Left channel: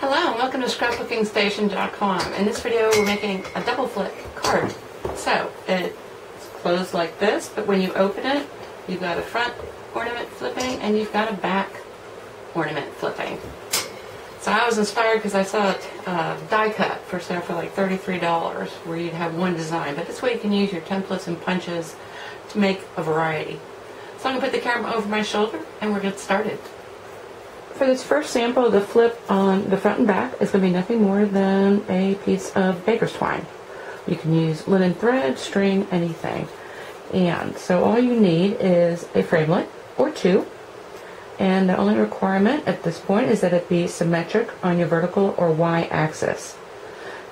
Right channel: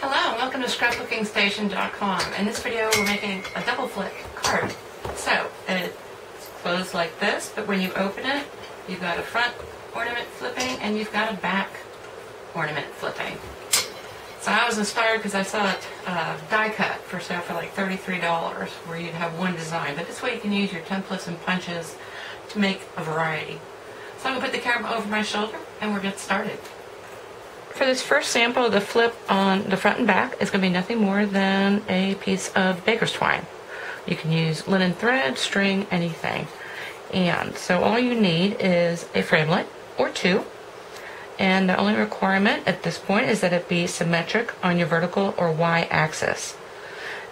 Hello and welcome to scrapbookingstation.com. In this video we're making a double flip card. So it's closed like this, but when you open it you've got a front ornament flipping and you've got a back ornament flipping. So I was inspired because I saw a die cut for sale for like $33 where you'd have one design, but this way you can use your templates and punches to make a variety. So I'm going to put the camera over my shoulder and we're going to get started. For this first sample, the flip on the front and back is going to be nothing more than a piece of baker's twine. You can use linen thread, string, anything. And so all you need is a framelit or two. And the only requirement at this point is that it be symmetric on your vertical or y-axis.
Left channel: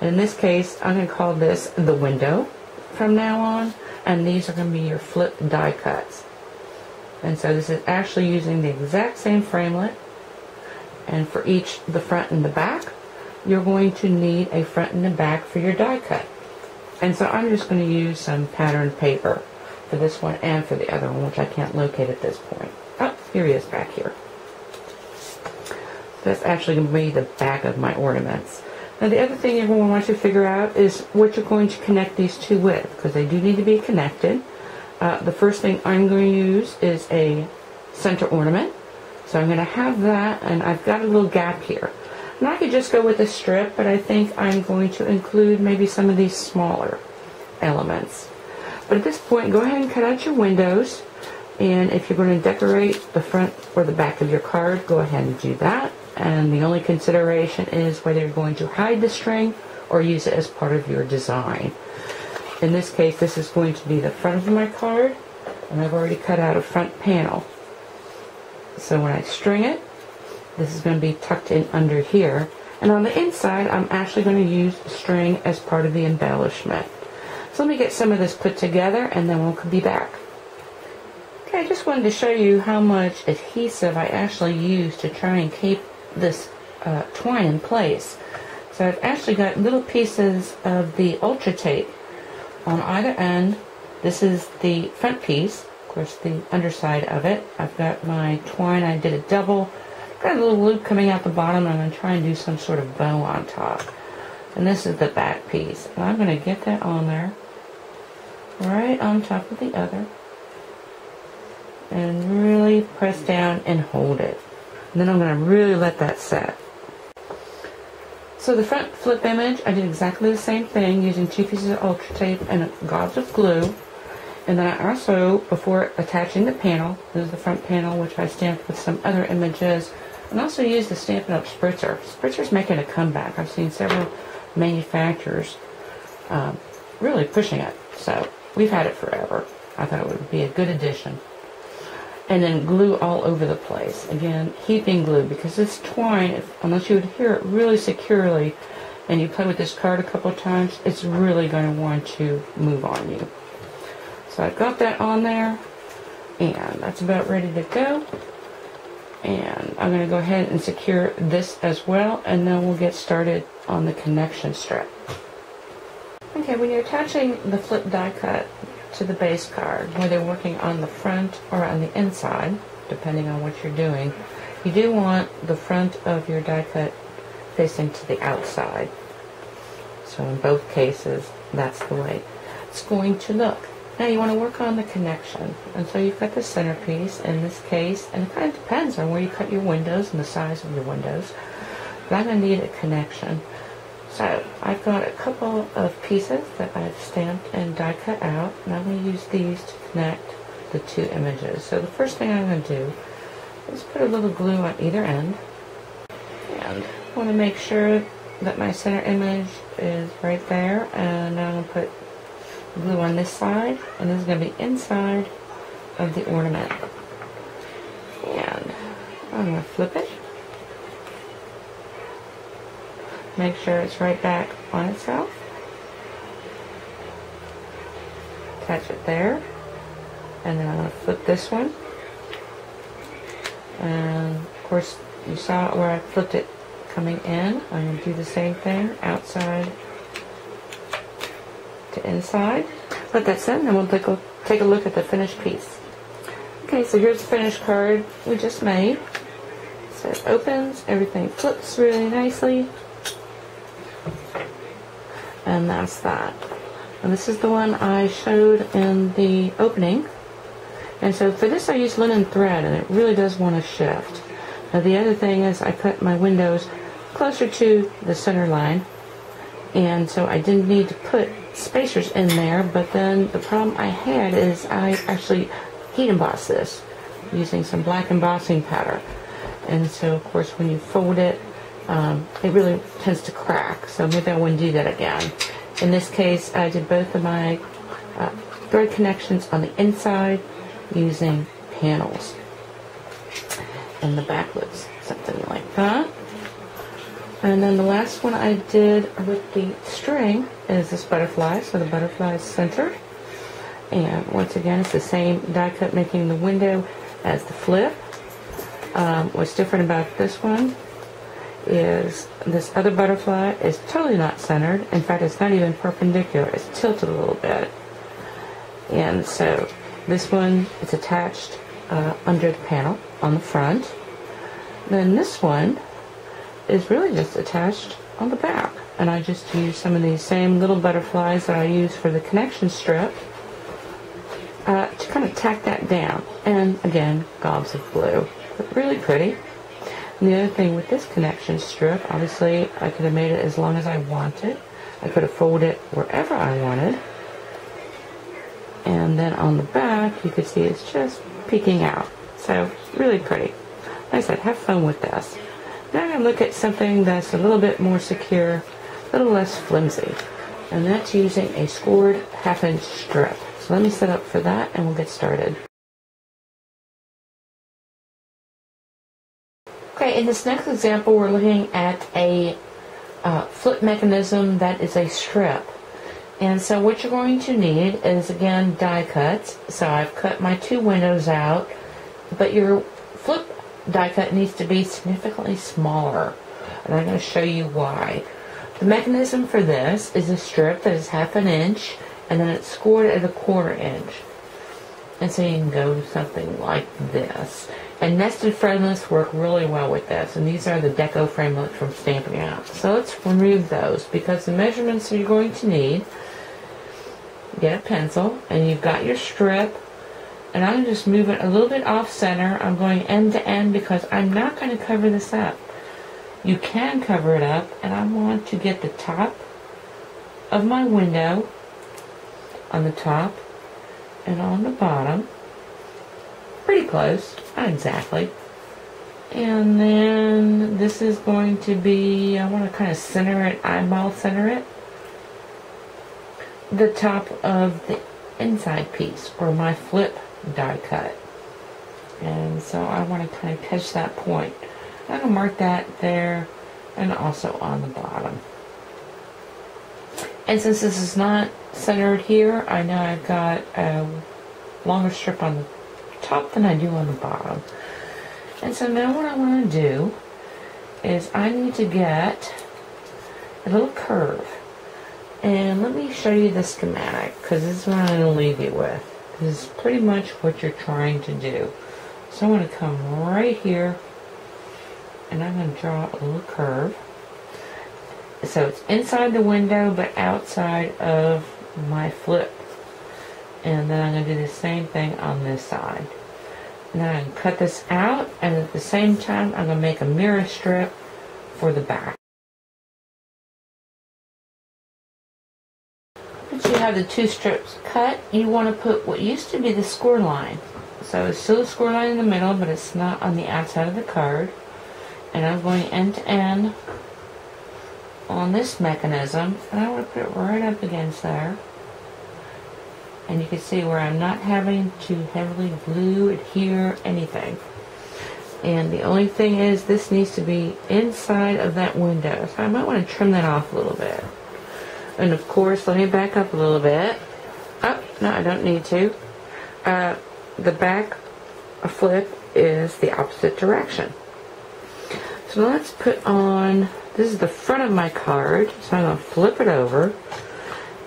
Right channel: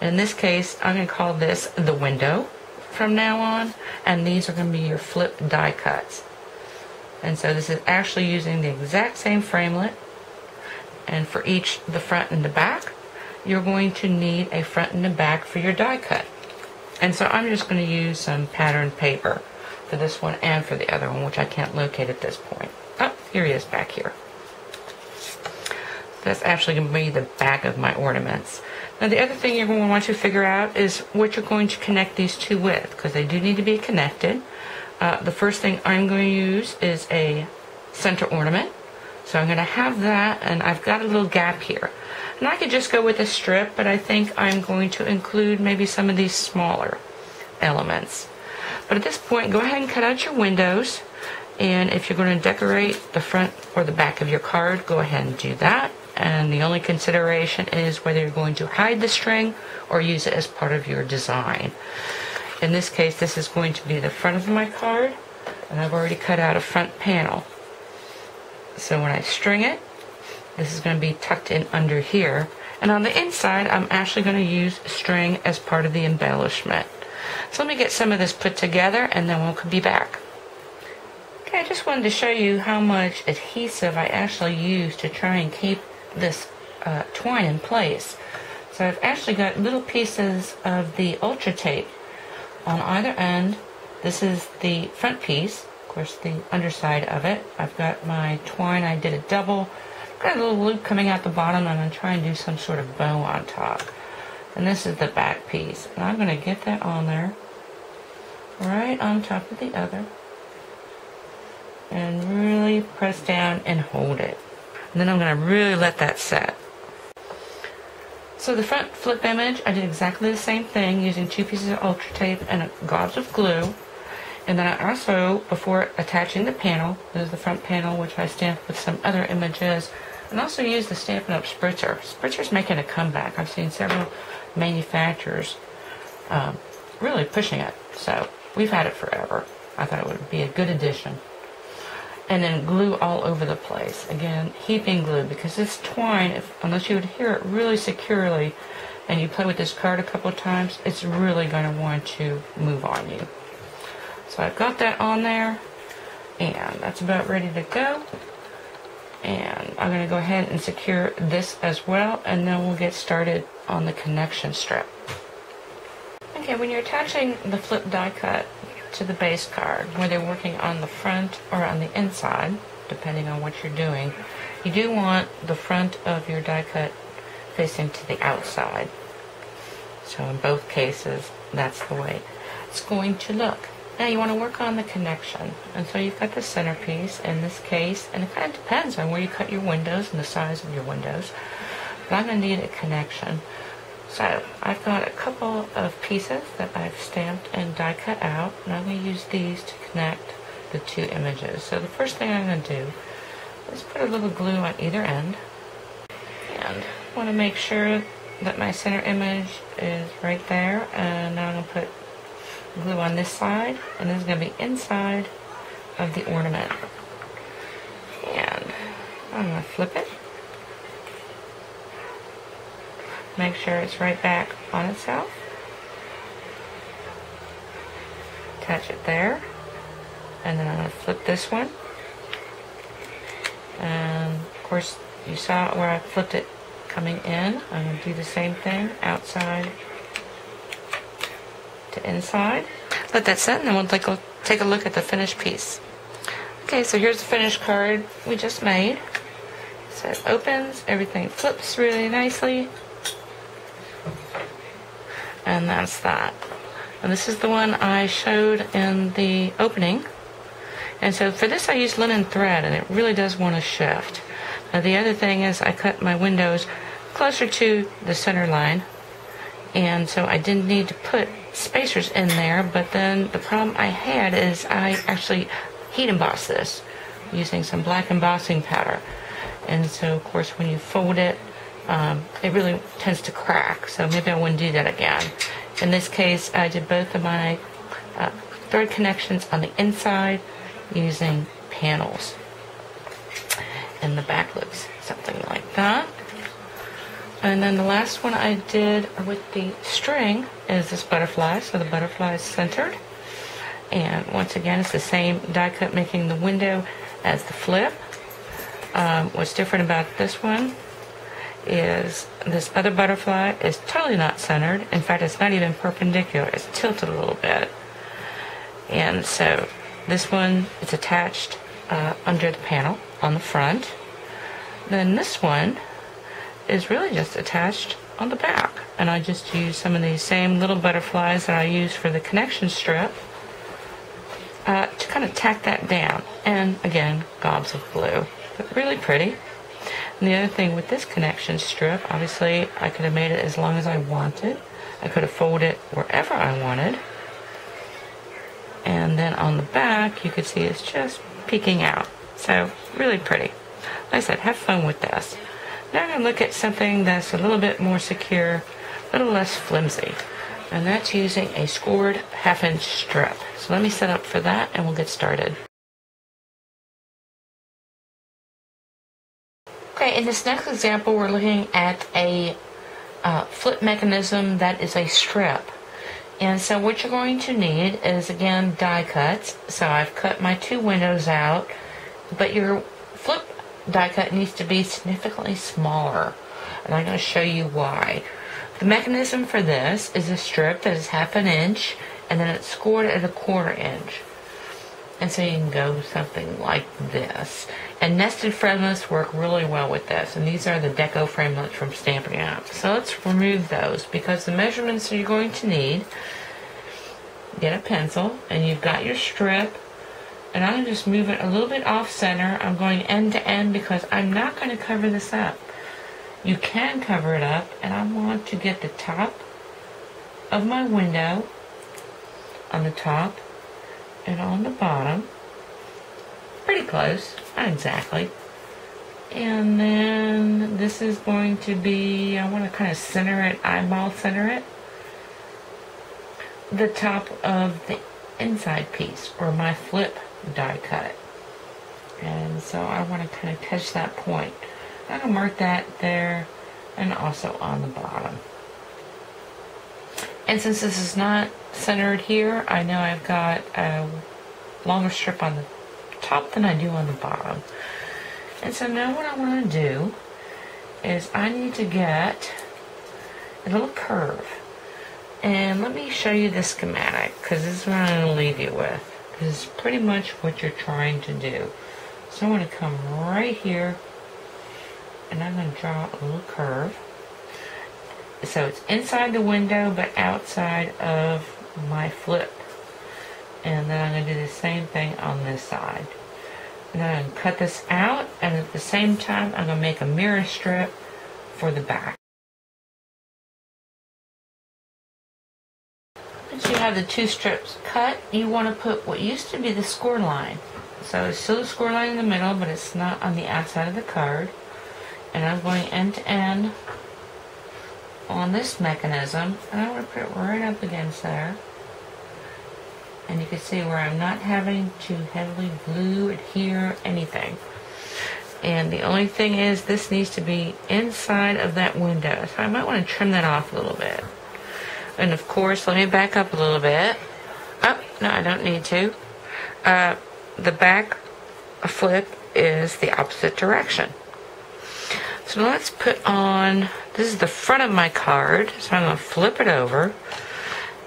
In this case, I'm going to call this the window from now on. And these are going to be your flip die cuts. And so this is actually using the exact same framelit. And for each, the front and the back, you're going to need a front and a back for your die cut. And so I'm just going to use some patterned paper for this one and for the other one, which I can't locate at this point. Oh, here he is back here. That's actually going to be the back of my ornaments. Now the other thing you're going to want to figure out is what you're going to connect these two with, because they do need to be connected. The first thing I'm going to use is a center ornament. So I'm going to have that, and I've got a little gap here. And I could just go with a strip, but I think I'm going to include maybe some of these smaller elements. But at this point, go ahead and cut out your windows. And if you're going to decorate the front or the back of your card, go ahead and do that. And the only consideration is whether you're going to hide the string or use it as part of your design. In this case, this is going to be the front of my card, and I've already cut out a front panel. So when I string it, this is going to be tucked in under here. And on the inside, I'm actually going to use string as part of the embellishment. So let me get some of this put together and then we'll be back. Okay, I just wanted to show you how much adhesive I actually use to try and keep this twine in place. So I've actually got little pieces of the ultra tape on either end. This is the front piece. Of course, the underside of it. I've got my twine. I did a double. I've got a little loop coming out the bottom. I'm going to try and do some sort of bow on top. And this is the back piece. And I'm going to get that on there, right on top of the other. And really press down and hold it. And then I'm going to really let that set. So the front flip image, I did exactly the same thing using two pieces of ultra tape and gobs of glue. And then I also, before attaching the panel, this is the front panel, which I stamped with some other images, and also used the Stampin' Up! Spritzer. Spritzer's making a comeback. I've seen several manufacturers really pushing it. So we've had it forever. I thought it would be a good addition. And then glue all over the place. Again, heaping glue, because this twine, unless you adhere it really securely and you play with this card a couple of times, it's really going to want to move on you. So I've got that on there, and that's about ready to go. And I'm going to go ahead and secure this as well, and then we'll get started on the connection strip. Okay, when you're attaching the flip die cut to the base card, whether you're working on the front or on the inside, depending on what you're doing, you do want the front of your die cut facing to the outside. So in both cases, that's the way it's going to look. Now you want to work on the connection, and so you've got the centerpiece in this case, and it kind of depends on where you cut your windows and the size of your windows, but I'm going to need a connection. So I've got a couple of pieces that I've stamped and die cut out, and I'm going to use these to connect the two images. So the first thing I'm going to do is put a little glue on either end, and I want to make sure that my center image is right there, and then I'm going to put glue on this side, and this is going to be inside of the ornament. And I'm going to flip it. Make sure it's right back on itself. Attach it there. And then I'm going to flip this one. And of course, you saw where I flipped it coming in. I'm going to do the same thing outside to inside. Let that set, and then we'll take a look at the finished piece. Okay, so here's the finished card we just made. So it opens, everything flips really nicely. And that's that. And this is the one I showed in the opening. And so for this I used linen thread, and it really does want to shift. Now the other thing is I cut my windows closer to the center line, and so I didn't need to put spacers in there, but then the problem I had is I actually heat embossed this using some black embossing powder. And so of course when you fold it, it really tends to crack, so maybe I wouldn't do that again. In this case, I did both of my thread connections on the inside using panels. And the back looks something like that. And then the last one I did with the string is this butterfly. So the butterfly is centered. And once again, it's the same die cut making the window as the flip. What's different about this one is this other butterfly is totally not centered. In fact, it's not even perpendicular. It's tilted a little bit. And so this one is attached under the panel on the front. Then this one is really just attached on the back. And I just used some of these same little butterflies that I used for the connection strip to kind of tack that down. And again, gobs of blue. But really pretty. And the other thing with this connection strip, obviously I could have made it as long as I wanted. I could have folded it wherever I wanted. And then on the back, you could see it's just peeking out. So really pretty. Like I said, have fun with this. Now I'm going to look at something that's a little bit more secure, a little less flimsy. And that's using a scored 1/2 inch strip. So let me set up for that and we'll get started. Okay, in this next example, we're looking at a flip mechanism that is a strip. And so what you're going to need is, again, die cuts. So I've cut my 2 windows out, but your flip die cut needs to be significantly smaller. And I'm going to show you why. The mechanism for this is a strip that is 1/2 inch, and then it's scored at 1/4 inch. And so you can go something like this. And nested framelits work really well with this. And these are the deco framelits from Stampin' Up. So let's remove those, because the measurements that you're going to need, get a pencil, and you've got your strip. And I'm going to just move it a little bit off center. I'm going end to end because I'm not going to cover this up. You can cover it up, and I want to get the top of my window on the top and on the bottom. Pretty close, not exactly. And then this is going to be, I want to kind of center it, eyeball center it, the top of the inside piece, or my flip die cut. And so I want to kind of catch that point. I'm going to mark that there and also on the bottom. And since this is not centered here, I know I've got a longer strip on the top than I do on the bottom. And so now what I want to do is I need to get a little curve. And let me show you the schematic, because this is what I'm going to leave you with. This is pretty much what you're trying to do. So I'm going to come right here, and I'm going to draw a little curve. So it's inside the window, but outside of my flip. And then I'm going to do the same thing on this side. And then I'm going to cut this out, and at the same time, I'm going to make a mirror strip for the back. Once you have the 2 strips cut, you want to put what used to be the score line. So it's still a score line in the middle, but it's not on the outside of the card. And I'm going end to end on this mechanism, and I want to put it right up against there. And you can see where I'm not having to heavily glue, adhere, anything. And the only thing is, this needs to be inside of that window. So I might want to trim that off a little bit. And of course, let me back up a little bit. Oh, no, I don't need to. The back flip is the opposite direction. So let's put on, this is the front of my card, so I'm going to flip it over.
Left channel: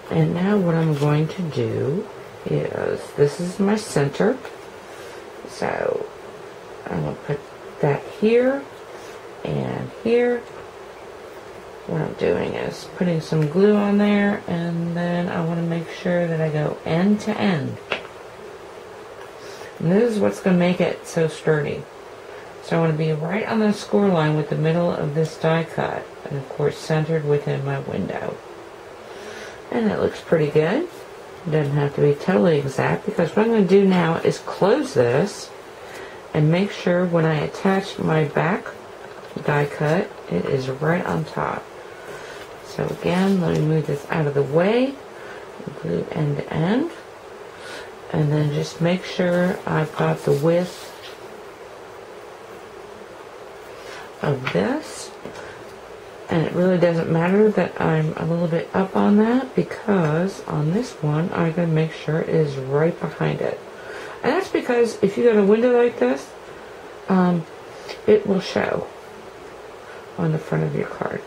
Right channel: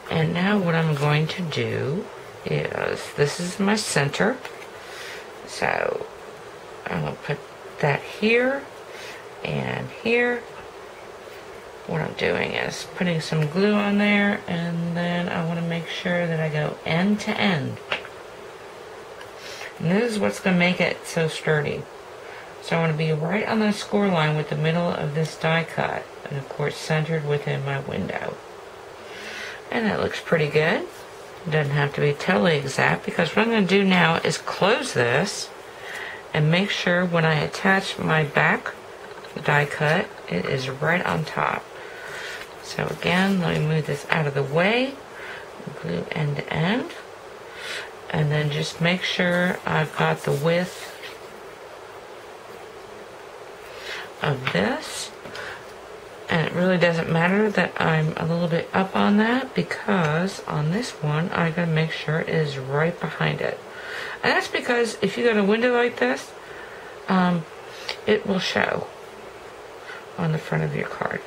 And now what I'm going to do is, this is my center. So I'm going to put that here, And here, what I'm doing is putting some glue on there, and then I want to make sure that I go end to end. And this is what's going to make it so sturdy. So I want to be right on the score line with the middle of this die cut, and of course centered within my window. And it looks pretty good. It doesn't have to be totally exact, because what I'm going to do now is close this and make sure when I attach my back die cut, it is right on top. So again, let me move this out of the way, glue end to end, and then just make sure I've got the width of this. And it really doesn't matter that I'm a little bit up on that, because on this one I'm going to make sure it is right behind it. And that's because if you got a window like this, it will show on the front of your card.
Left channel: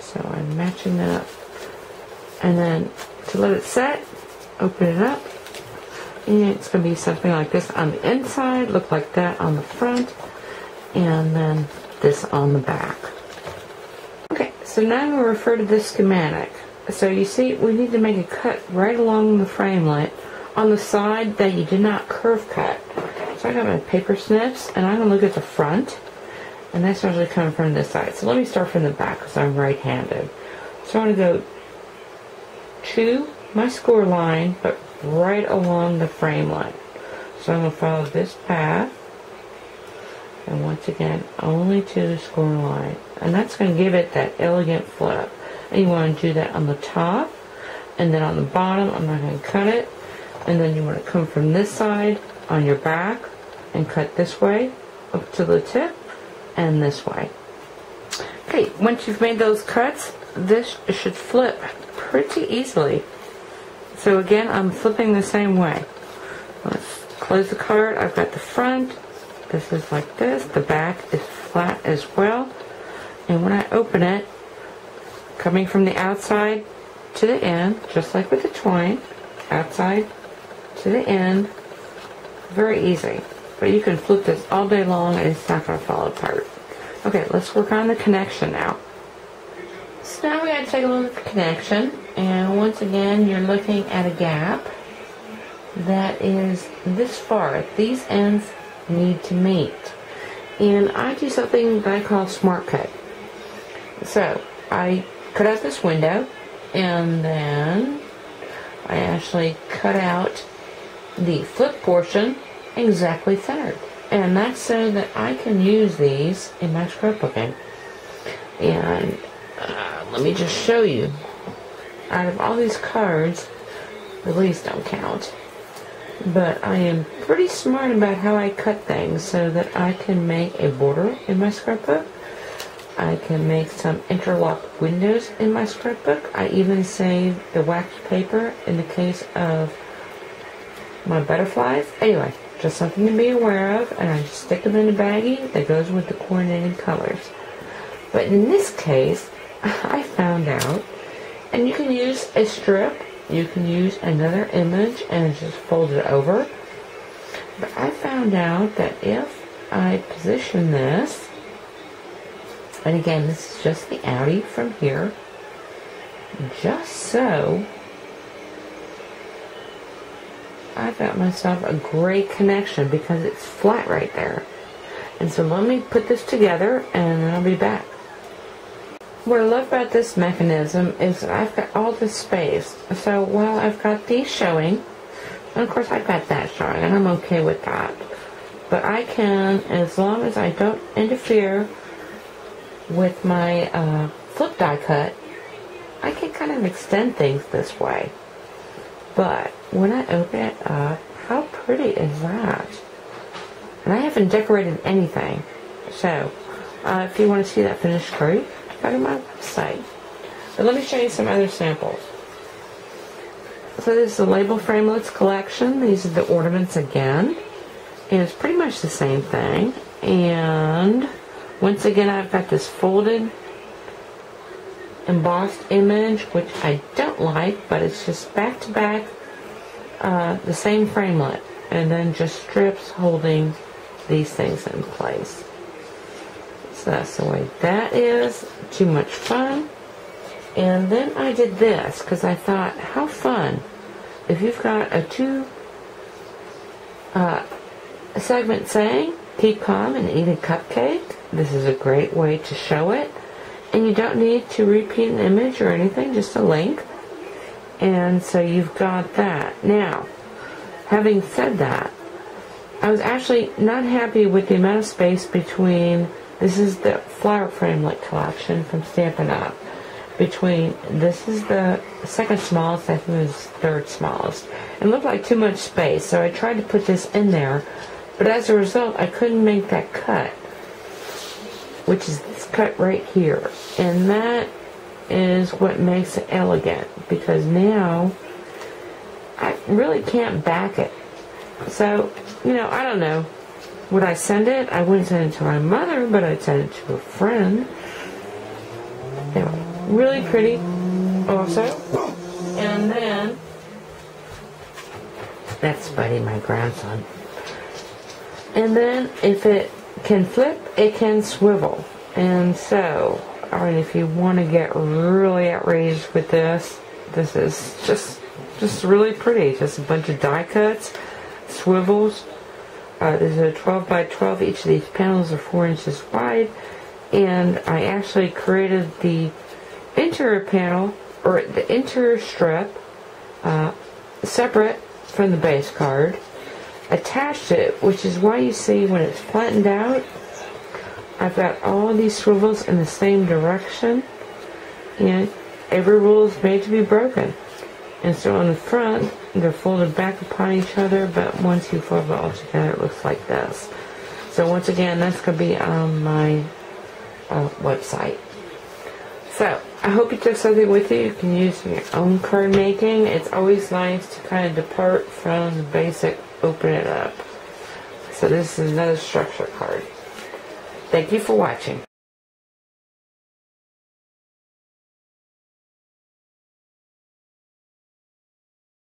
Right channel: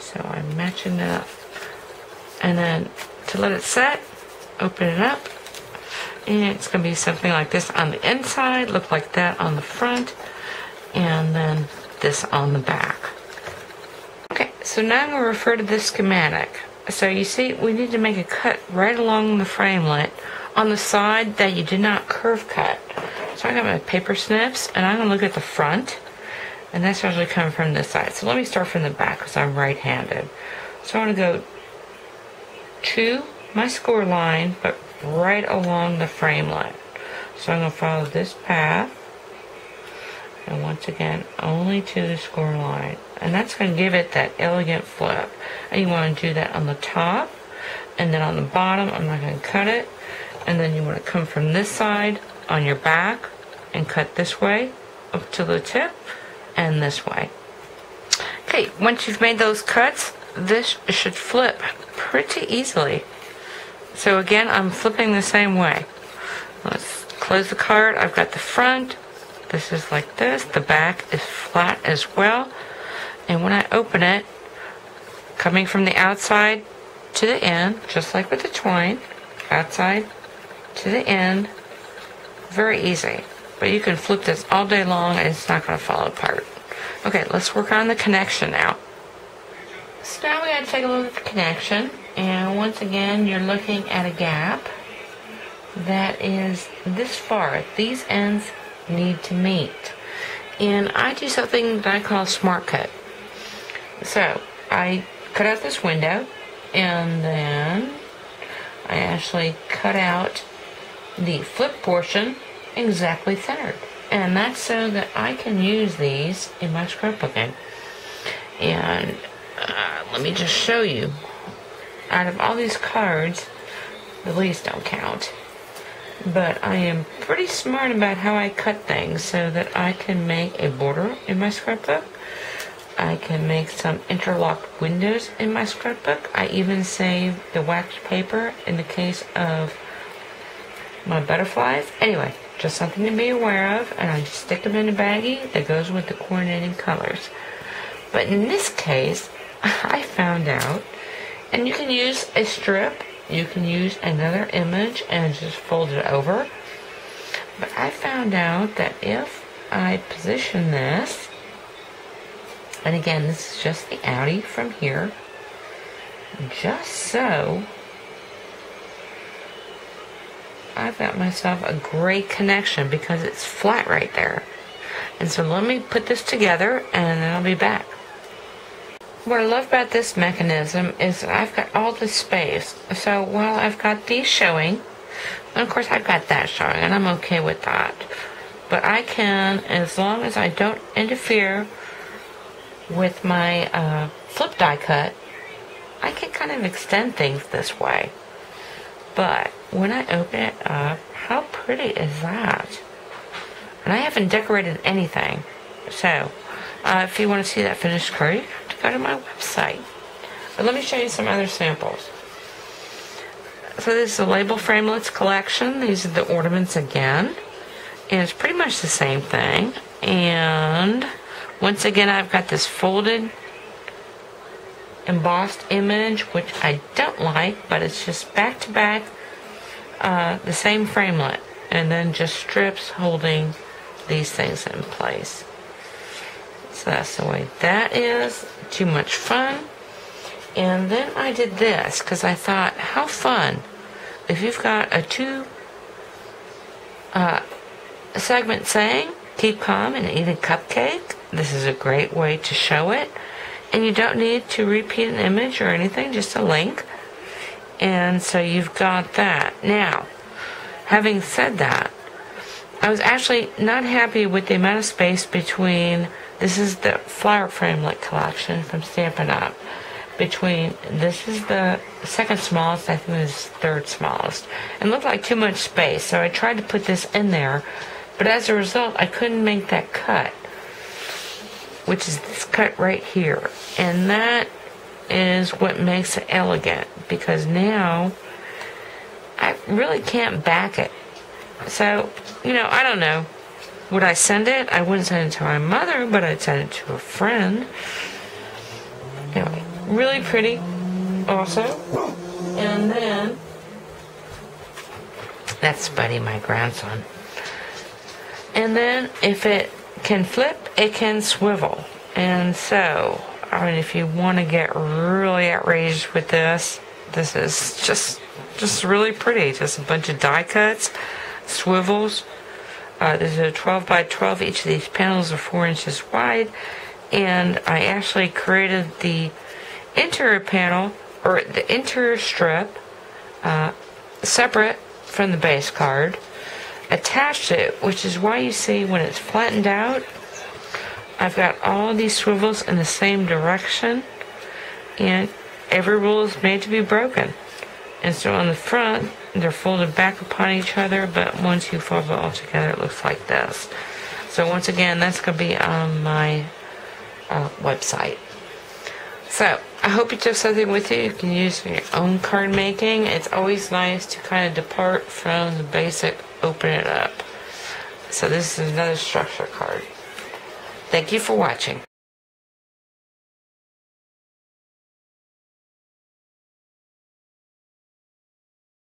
So I'm matching that up. And then to let it set, open it up, and it's going to be something like this on the inside, look like that on the front, and then this on the back. Okay, so now I'm going to refer to this schematic. So you see, we need to make a cut right along the framelit on the side that you did not curve cut. So I got my paper snips, and I'm going to look at the front, and that's usually coming from this side. So let me start from the back, because I'm right-handed. So I want to go to my score line, but right along the framelit. So I'm going to follow this path, and once again, only to the score line. And that's going to give it that elegant flip. And you want to do that on the top, and then on the bottom, I'm not going to cut it. And then you want to come from this side on your back and cut this way up to the tip, and this way. Okay, once you've made those cuts, this should flip pretty easily. So again, I'm flipping the same way. Let's close the card. I've got the front. This is like this. The back is flat as well. And when I open it, coming from the outside to the end, just like with the twine, outside to the end, very easy. But you can flip this all day long and it's not going to fall apart. Okay, let's work on the connection now. So now we got to take a look at the connection. And once again, you're looking at a gap that is this far. These ends need to meet. And I do something that I call smart cut. So I cut out this window, and then I actually cut out the flip portion exactly centered. And that's so that I can use these in my scrapbooking. And let me just show you. Out of all these cards, the leaves don't count. But I am pretty smart about how I cut things so that I can make a border in my scrapbook. I can make some interlocked windows in my scrapbook. I even save the wax paper in the case of my butterflies. Anyway, just something to be aware of, and I just stick them in a baggie that goes with the coordinating colors. But in this case, I found out, and you can use a strip, you can use another image and just fold it over. But I found out that if I position this, and again, this is just the outie from here, just so, I've got myself a great connection because it's flat right there. And so let me put this together and then I'll be back. What I love about this mechanism is that I've got all this space. So while I've got these showing, and of course I've got that showing, and I'm okay with that. But I can, as long as I don't interfere with my flip die cut, I can kind of extend things this way. But when I open it up, how pretty is that? And I haven't decorated anything. So if you want to see that finished card, go to my website. But let me show you some other samples. So this is the Label Framelits collection. These are the ornaments again. And it's pretty much the same thing. And once again, I've got this folded embossed image, which I don't like, but it's just back to back the same framelit. And then just strips holding these things in place. So that's the way that is. Too much fun. And then I did this because I thought, how fun if you've got a two segment saying, keep calm and eat a cupcake. This is a great way to show it. And you don't need to repeat an image or anything, just a link. And so you've got that. Now, having said that, I was actually not happy with the amount of space between, this is the flower framelit collection from Stampin' Up. Between, this is the second smallest, I think it was third smallest. It looked like too much space, so I tried to put this in there, but as a result, I couldn't make that cut, which is this cut right here. And that is what makes it elegant, because now I really can't back it. So, I don't know. Would I send it? I wouldn't send it to my mother, but I'd send it to a friend. Anyway, really pretty also. And then, that's Buddy, my grandson. And then, if it can flip, it can swivel. And so, if you want to get really outraged with this, this is just really pretty. Just a bunch of die cuts, swivels. There's a 12 by 12. Each of these panels are 4 inches wide. And I actually created the interior panel, or the interior strip, separate from the base card. Attached it, which is why you see when it's flattened out, I've got all these swivels in the same direction, and every rule is made to be broken. And so on the front, they're folded back upon each other, but once you fold it all together, it looks like this. So once again, that's going to be on my website. So I hope you took something with you. You can use in your own card making. It's always nice to kind of depart from the basic, open it up. So this is another structure card. Thank you for watching.